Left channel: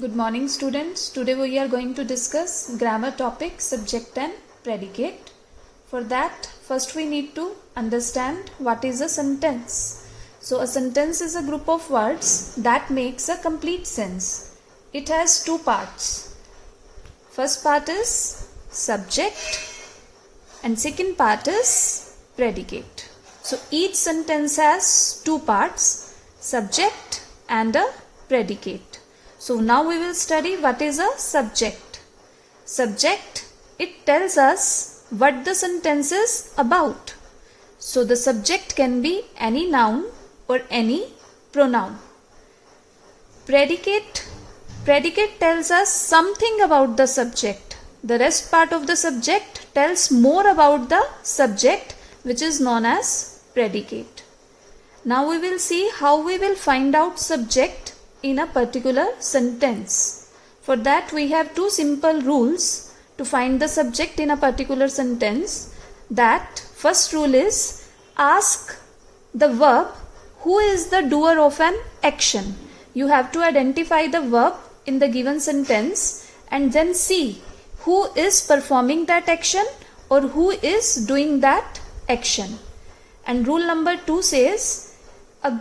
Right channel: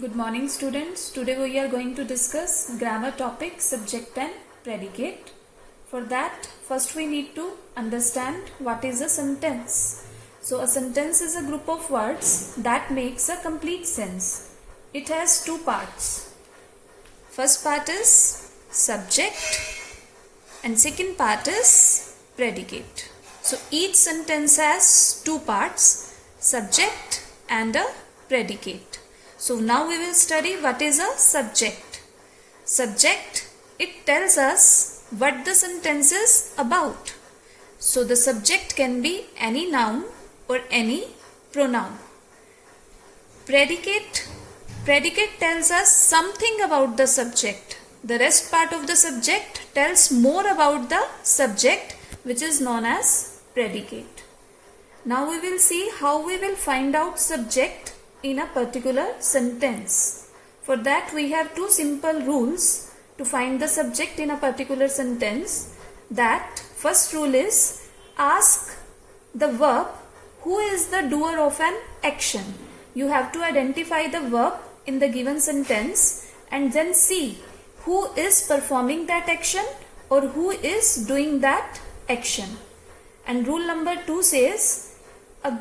Good morning students. Today we are going to discuss grammar topic, subject and predicate. For that, first we need to understand what is a sentence. So a sentence is a group of words that makes a complete sense. It has two parts. First part is subject and second part is predicate. So each sentence has two parts, subject and a predicate. So now we will study what is a subject. Subject, it tells us what the sentence is about. So the subject can be any noun or any pronoun. Predicate tells us something about the subject. The rest part of the subject tells more about the subject, which is known as predicate. Now we will see how we will find out subject in a particular sentence. For that we have two simple rules to find the subject in a particular sentence. That first rule is ask the verb who is the doer of an action. You have to identify the verb in the given sentence and then see who is performing that action or who is doing that action. And rule number 2 says a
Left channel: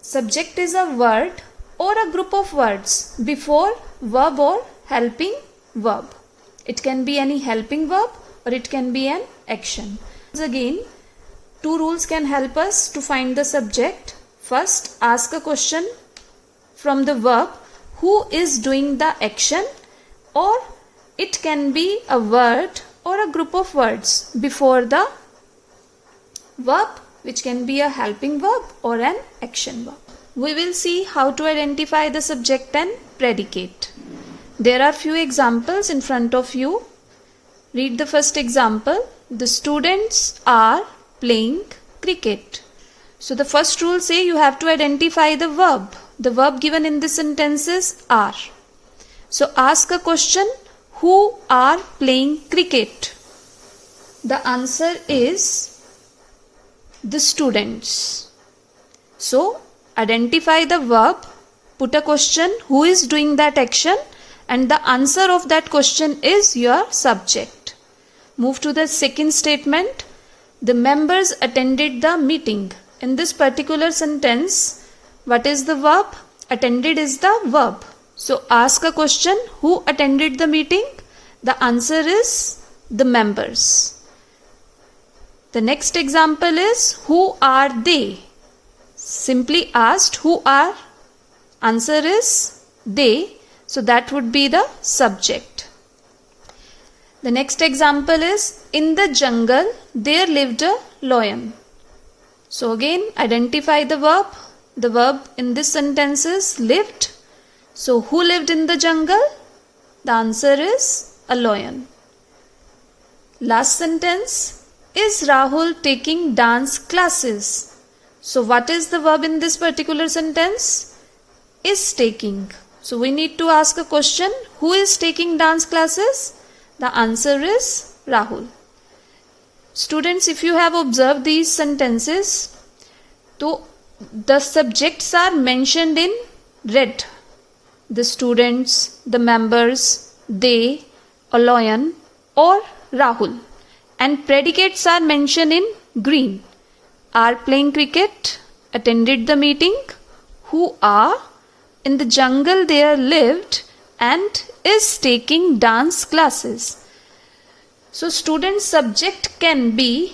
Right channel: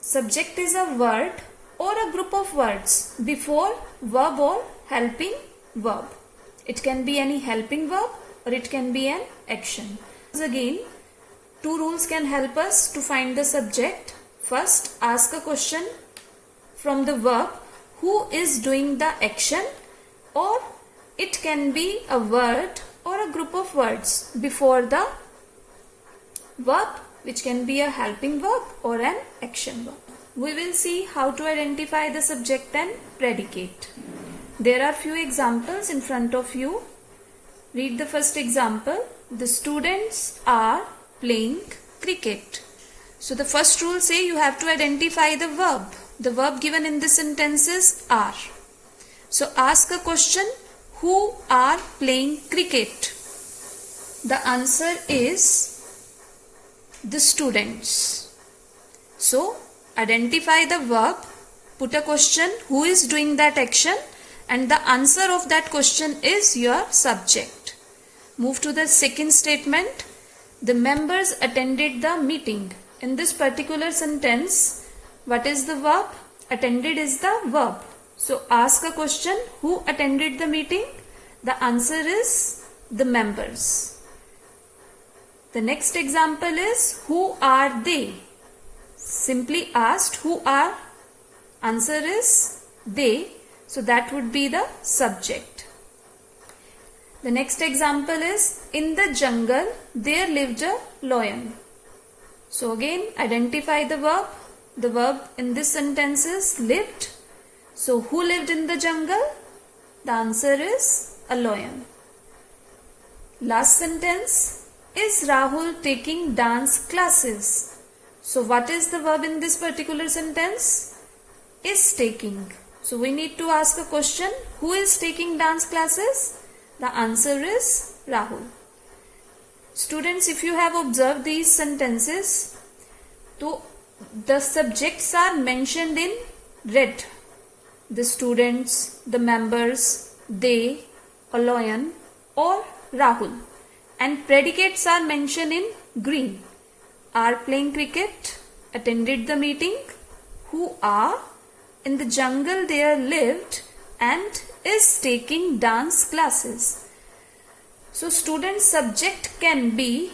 subject is a word or a group of words before verb or helping verb. It can be any helping verb or it can be an action. Again, two rules can help us to find the subject. First, ask a question from the verb who is doing the action, or it can be a word or a group of words before the verb, which can be a helping verb or an action verb. We will see how to identify the subject and predicate. There are few examples in front of you. Read the first example. The students are playing cricket. So the first rule says you have to identify the verb. The verb given in this sentence is are. So ask a question, who are playing cricket? The answer is the students. So identify the verb, put a question, who is doing that action, and the answer of that question is your subject. Move to the second statement. The members attended the meeting. In this particular sentence, what is the verb? Attended is the verb. So ask a question, who attended the meeting? The answer is the members. The next example is, who are they? Simply asked who are, answer is they, so that would be the subject. The next example is, in the jungle there lived a lion. So again identify the verb. The verb in this sentence is lived. So who lived in the jungle? The answer is a lion. Last sentence, is Rahul taking dance classes? So what is the verb in this particular sentence? Is taking. So we need to ask a question, who is taking dance classes? The answer is Rahul. Students, if you have observed these sentences, so the subjects are mentioned in red. The students, the members, they, a lion or Rahul. And predicates are mentioned in green. Are playing cricket, attended the meeting, who are, in the jungle there lived, and is taking dance classes. So student subject can be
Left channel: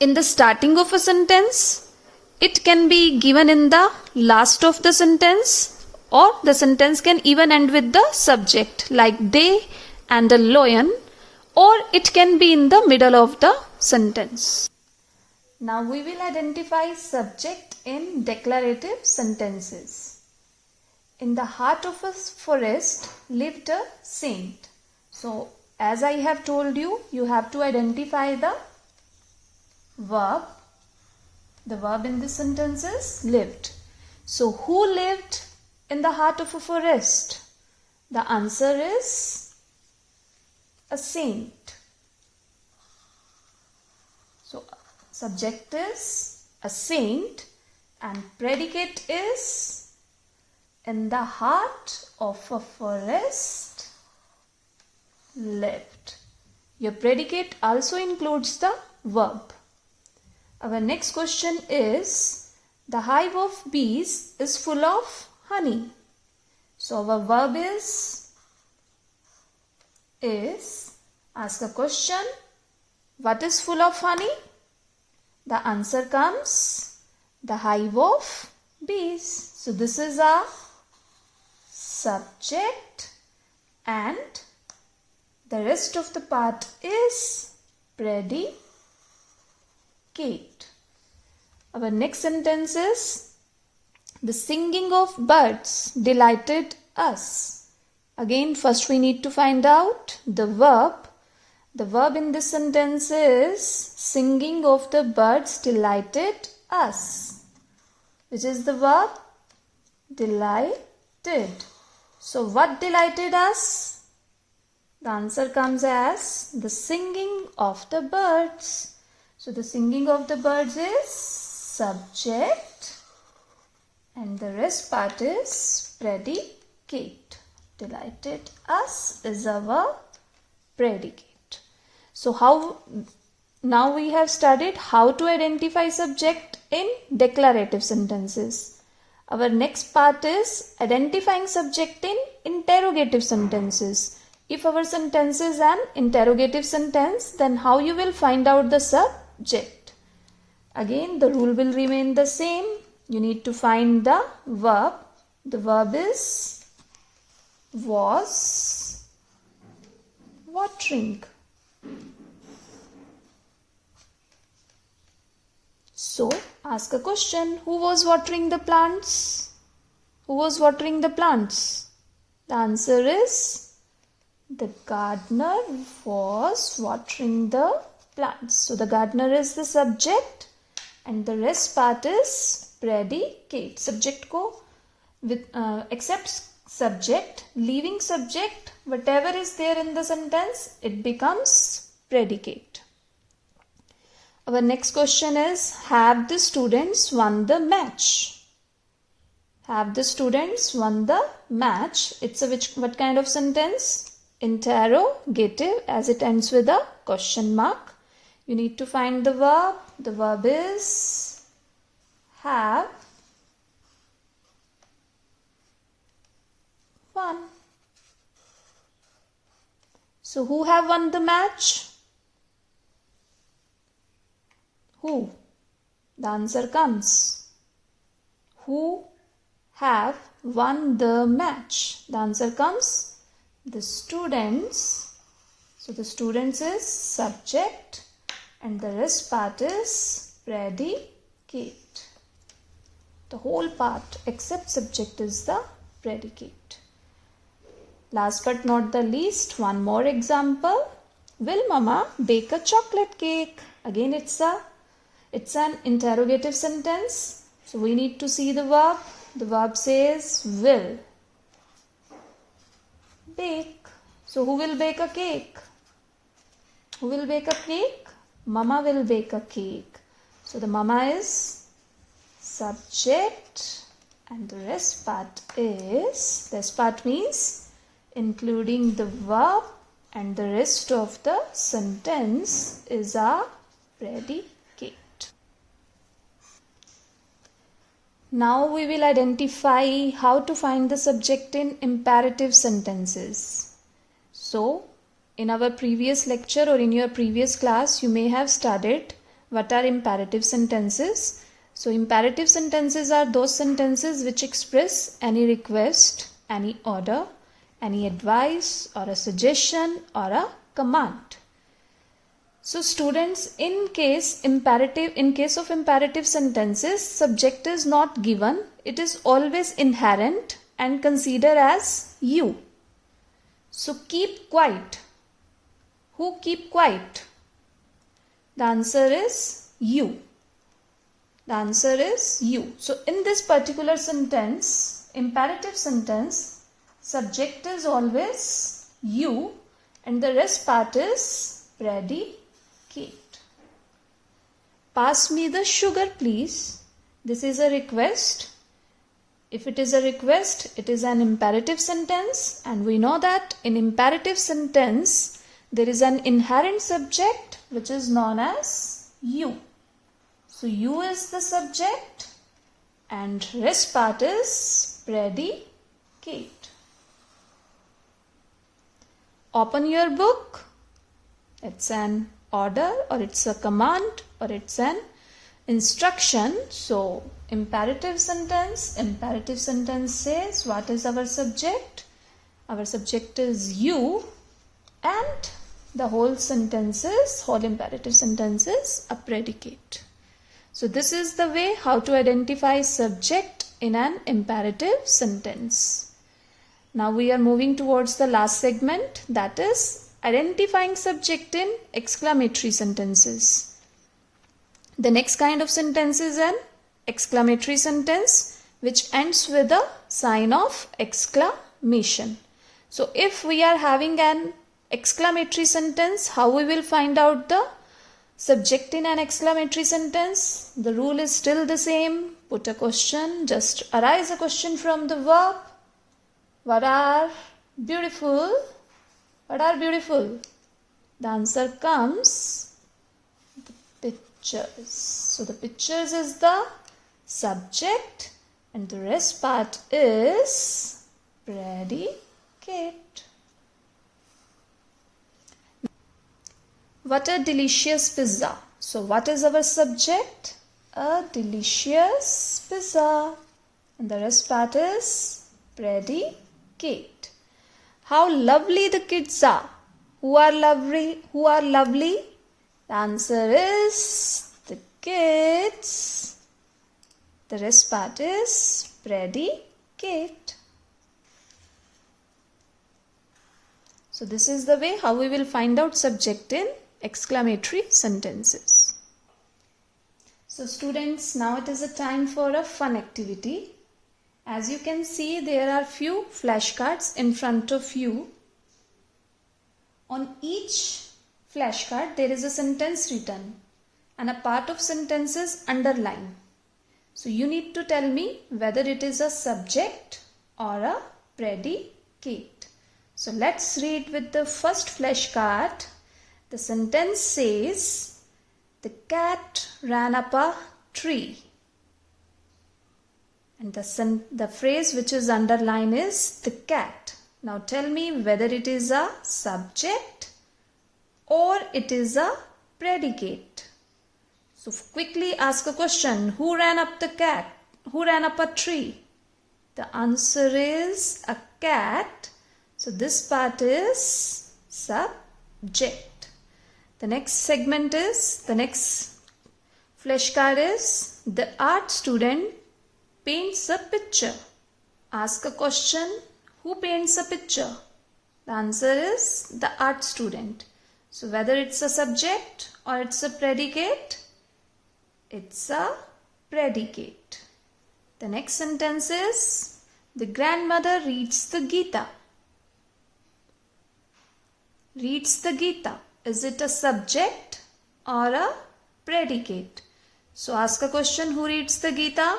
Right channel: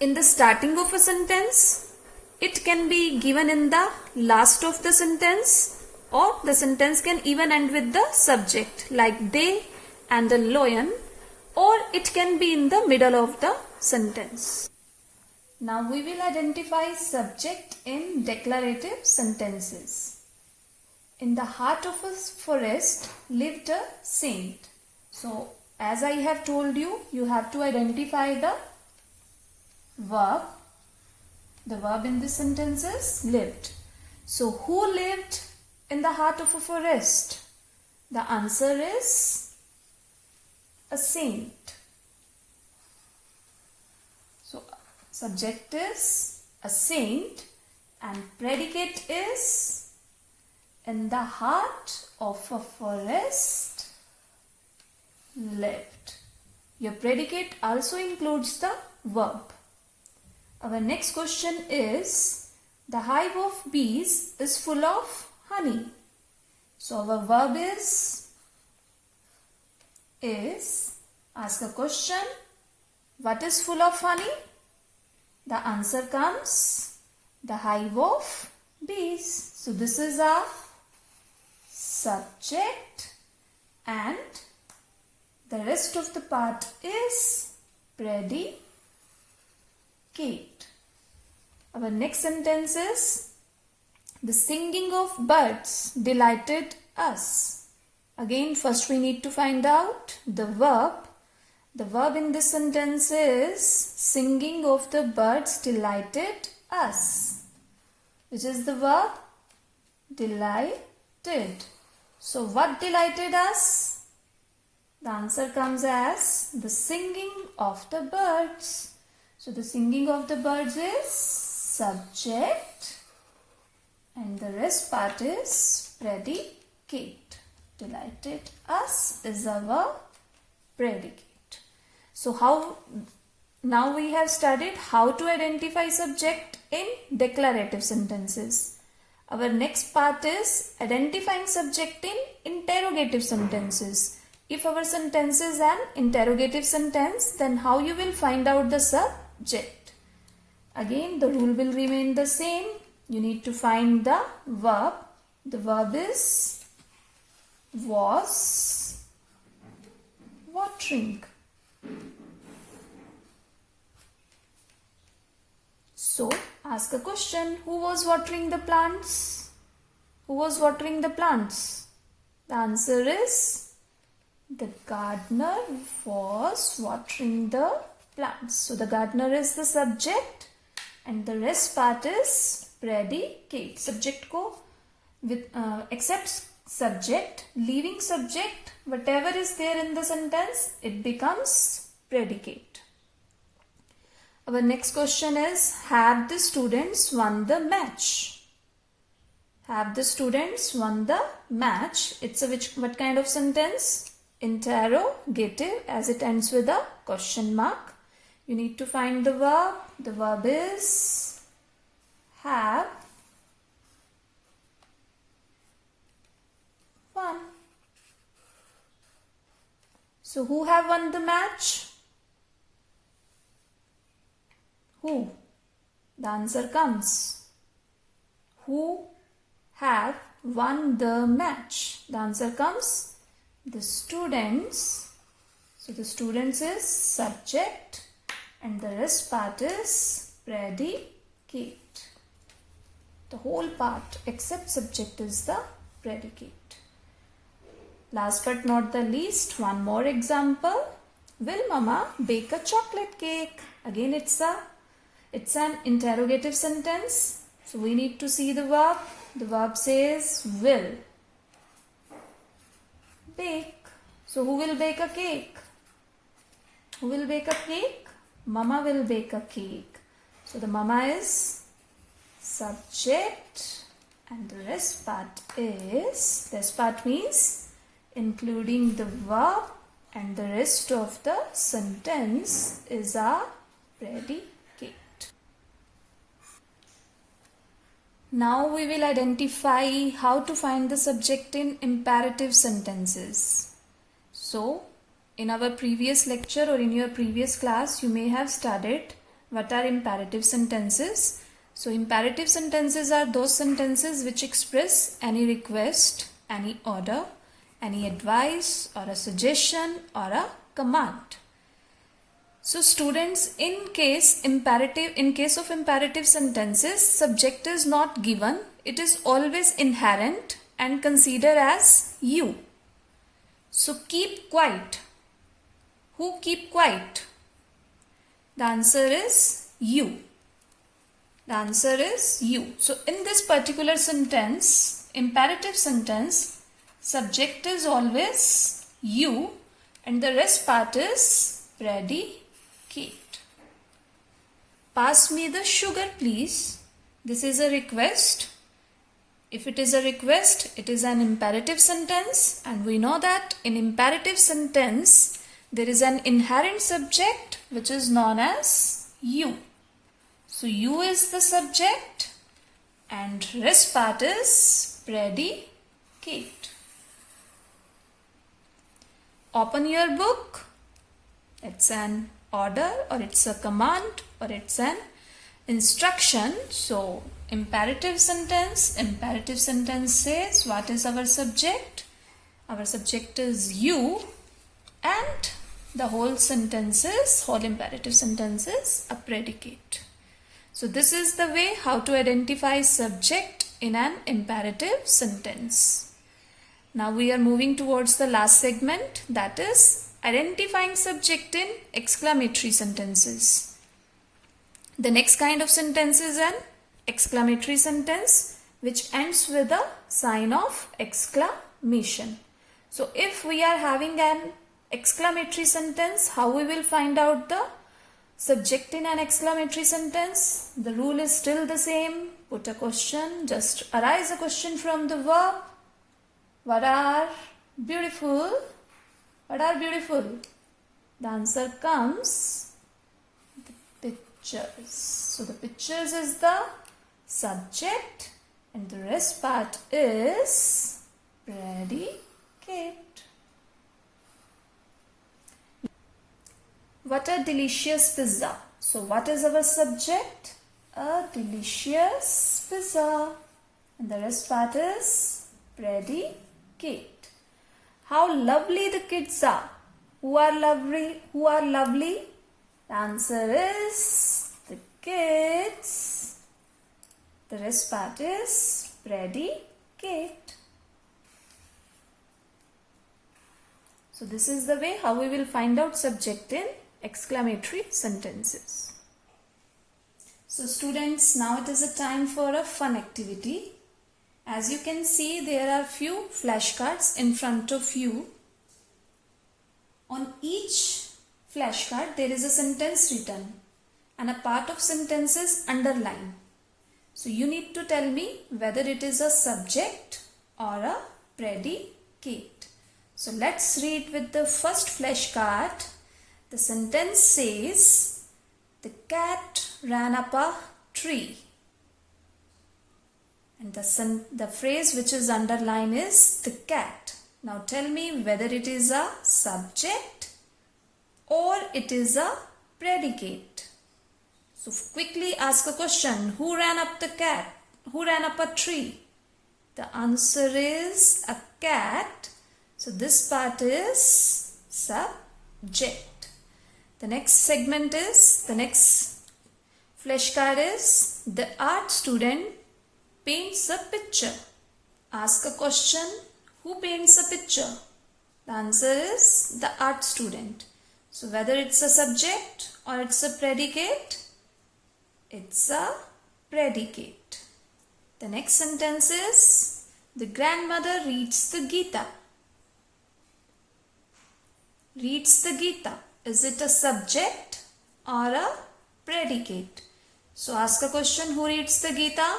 in the starting of a sentence, it can be given in the last of the sentence, or the sentence can even end with the subject like they and a lion, or it can be in the middle of the sentence. Now we will identify subject in declarative sentences. In the heart of a forest lived a saint. So as I have told you, you have to identify the verb. The verb in this sentence is lived. So who lived in the heart of a forest? The answer is a saint. So subject is a saint and predicate is In the heart of a forest lived. Your predicate also includes the verb. Our next question is, the hive of bees is full of honey. So our verb is, ask a question, what is full of honey? The answer comes, the hive of bees. So this is our subject and the rest of the part is predicate. Our next sentence is, the singing of birds delighted us. Again, first we need to find out the verb. The verb in this sentence is singing of the birds delighted us. Which is the verb? Delighted. So what delighted us? The answer comes as the singing of the birds. So the singing of the birds is subject and the rest part is predicate. Delighted us is our predicate. So now we have studied how to identify subject in declarative sentences. Our next part is identifying subject in interrogative sentences. If our sentence is an interrogative sentence, then how you will find out the subject? Again, the rule will remain the same. You need to find the verb. The verb is was watering. So, ask a question. Who was watering the plants? Who was watering the plants? The answer is the gardener was watering the plants. So, the gardener is the subject and the rest part is predicate. Subject ko with except subject, leaving subject, whatever is there in the sentence, it becomes predicate. Our next question is, have the students won the match? Have the students won the match? It's a what kind of sentence? Interrogative, as it ends with a question mark. You need to find the verb. The verb is have won. So who have won the match? Who? The answer comes. Who have won the match? The answer comes. The students. So the students is subject and the rest part is predicate. The whole part except subject is the predicate. Last but not the least, one more example. Will Mama bake a chocolate cake? Again, it's an interrogative sentence. So we need to see the verb. The verb says will. Bake. So who will bake a cake? Who will bake a cake? Mama will bake a cake. So the mama is subject and the rest part means including the verb and the rest of the sentence is our predicate. Now we will identify how to find the subject in imperative sentences. So, in our previous lecture or in your previous class, you may have studied what are imperative sentences. So, imperative sentences are those sentences which express any request, any order, any advice or a suggestion or a command. So students, in case of imperative sentences, subject is not given. It is always inherent and considered as you. So keep quiet. Who keep quiet? The answer is you. The answer is you. So in this particular sentence, imperative sentence, subject is always you and the rest part is predicate. Pass me the sugar, please. This is a request. If it is a request, it is an imperative sentence, and we know that in imperative sentence there is an inherent subject which is known as you. So you is the subject and rest part is predicate. Open your book. It's an order or it's a command or it's an instruction. So imperative sentence says what is our subject? Our subject is you, and the whole imperative sentence is a predicate. So this is the way how to identify subject in an imperative sentence. Now we are moving towards the last segment, that is identifying subject in exclamatory sentences. The next kind of sentence is an exclamatory sentence which ends with a sign of exclamation. So if we are having an exclamatory sentence, how we will find out the subject in an exclamatory sentence? The rule is still the same. Put a question, just arise a question from the verb. What are beautiful? What are beautiful? The answer comes the pictures. So the pictures is the subject and the rest part is predicate. What a delicious pizza. So what is our subject? A delicious pizza. And the rest part is predicate. How lovely the kids are. Who are lovely? Who are lovely? The answer is the kids. The rest part is predicate. So this is the way how we will find out subject in exclamatory sentences. So students, now it is a time for a fun activity. As you can see, there are few flashcards in front of you. On each flashcard there is a sentence written and a part of sentence is underlined. So you need to tell me whether it is a subject or a predicate. So let's read with the first flashcard. The sentence says, the cat ran up a tree. And the phrase which is underlined is the cat. Now tell me whether it is a subject or it is a predicate. So quickly ask a question. Who ran up the cat? Who ran up a tree? The answer is a cat. So this part is subject. The next segment is, the next flashcard is, the art student paints a picture. Ask a question. Who paints a picture? The answer is the art student. So whether it's a subject or it's a predicate, it's a predicate. The next sentence is, the grandmother reads the Gita. Reads the Gita. Is it a subject or a predicate? So ask a question. Who reads the Gita?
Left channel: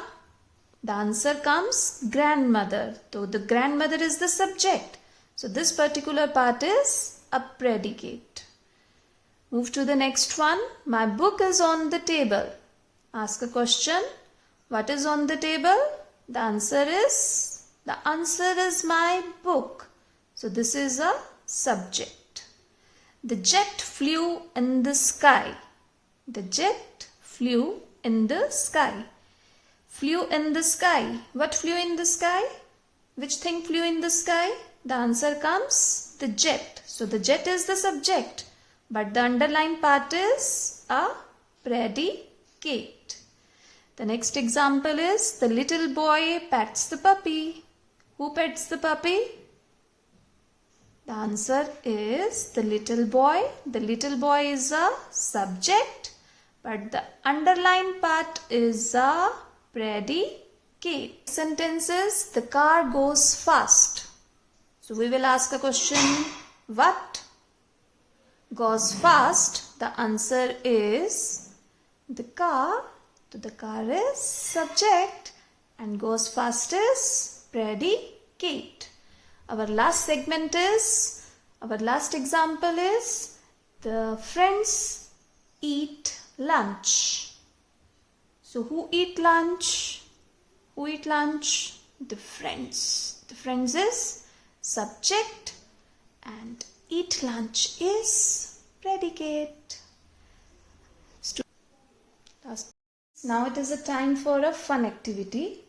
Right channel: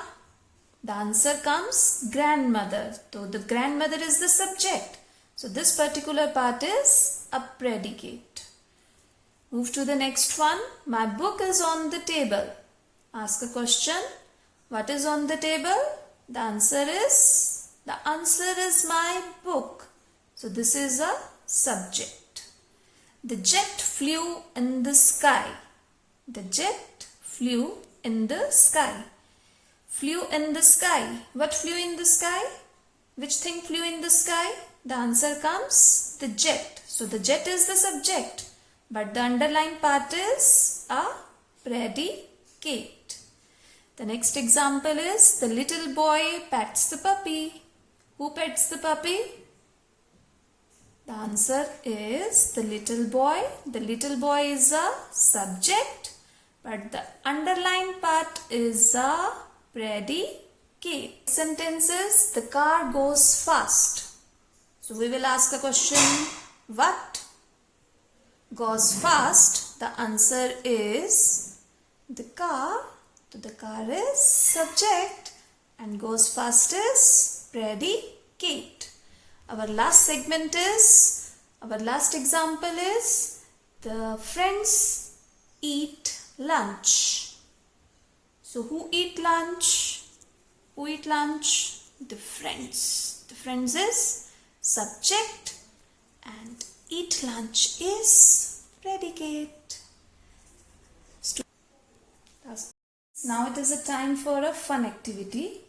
The answer comes grandmother. So the grandmother is the subject. So this particular part is a predicate. Move to the next one. My book is on the table. Ask a question. What is on the table? The answer is my book. So this is a subject. The jet flew in the sky. The jet flew in the sky. Flew in the sky. What flew in the sky? Which thing flew in the sky? The answer comes the jet. So the jet is the subject, but the underlined part is a predicate. The next example is, the little boy pets the puppy. Who pets the puppy? The answer is the little boy. The little boy is a subject, but the underlined part is a predicate. Sentences, the car goes fast. So we will ask a question, what goes fast? The answer is the car. So the car is subject and goes fast is predicate. Our last example is the friends eat lunch. So who eat lunch? Who eat lunch? The friends. The friends is subject and eat lunch is predicate. Now it is a time for a fun activity.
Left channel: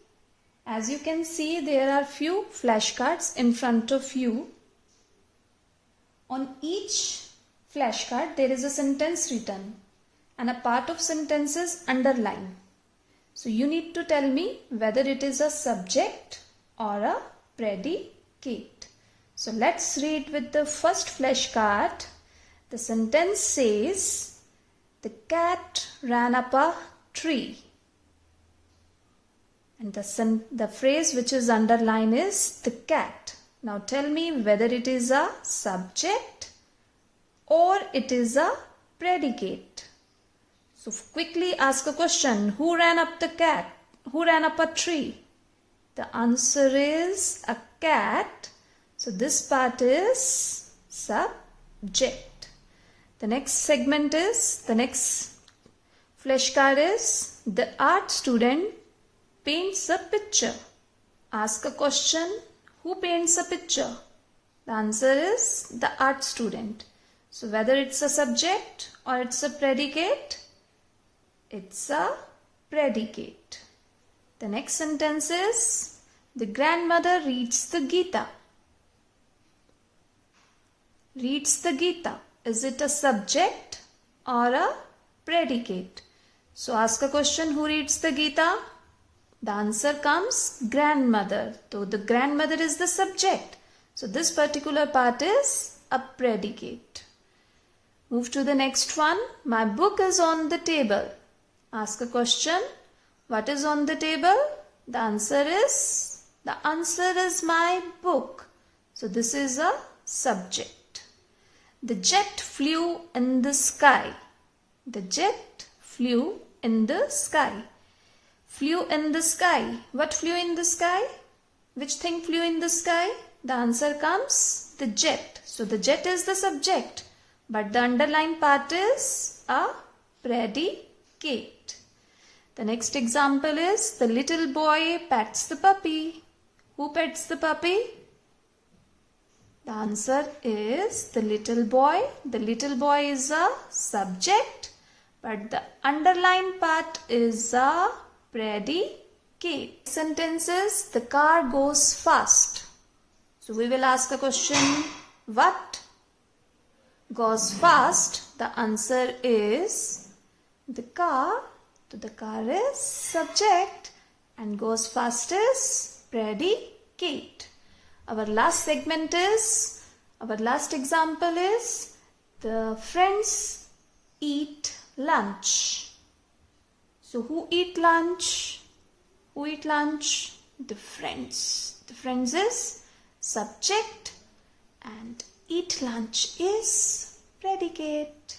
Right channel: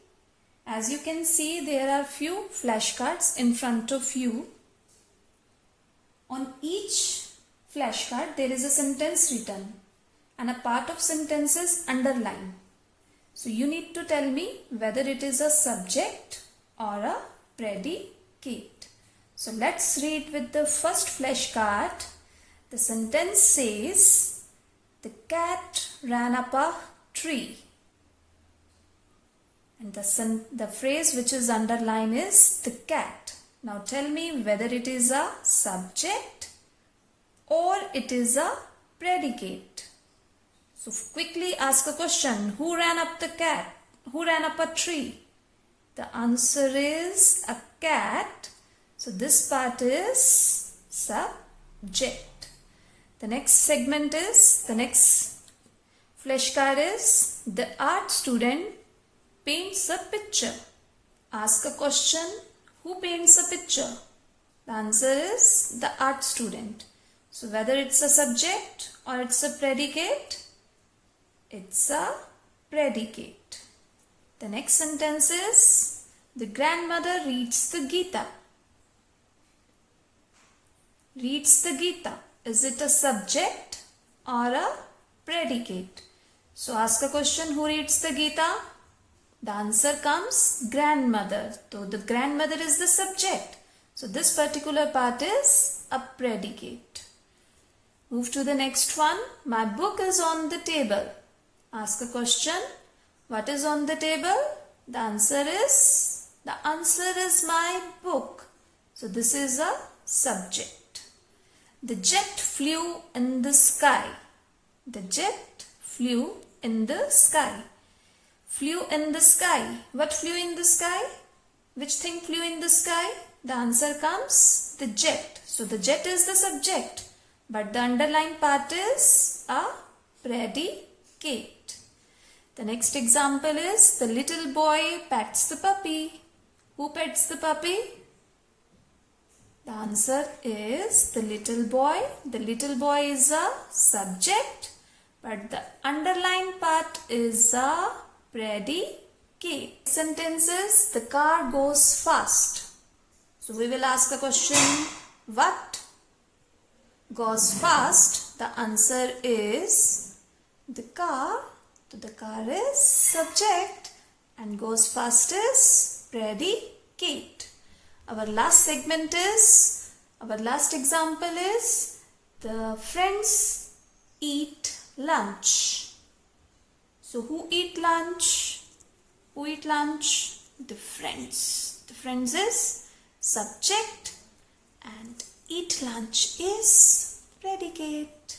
As you can see, there are few flashcards in front of you. On each flashcard there is a sentence written and a part of sentence is underlined. So you need to tell me whether it is a subject or a predicate. So let's read with the first flashcard. The sentence says, the cat ran up a tree. And the phrase which is underlined is the cat. Now tell me whether it is a subject or it is a predicate. So quickly ask a question. Who ran up the cat? Who ran up a tree? The answer is a cat. So this part is subject. The next flashcard is the art student paints a picture. Ask a question. Who paints a picture? The answer is the art student. So whether it's a subject or it's a predicate, it's a predicate. The next sentence is the grandmother reads the Gita. Reads the Gita. Is it a subject or a predicate? So ask a question. Who reads the Gita? The answer comes grandmother. So the grandmother is the subject. So this particular part is a predicate. Move to the next one. My book is on the table. Ask a question. What is on the table? The answer is my book. So this is a subject. The jet flew in the sky. The jet flew in the sky. Flew in the sky. What flew in the sky? Which thing flew in the sky? The answer comes the jet. So the jet is the subject. But the underlined part is a predicate. The next example is the little boy pets the puppy. Who pets the puppy? The answer is the little boy. The little boy is a subject. But the underlined part is a predicate. Sentence is the car goes fast. So we will ask a question. What goes fast? The answer is the car. So the car is subject and goes fast is predicate. Our last example is the friends eat lunch. So who eat lunch? Who eat lunch? The friends. The friends is subject and eat lunch is predicate.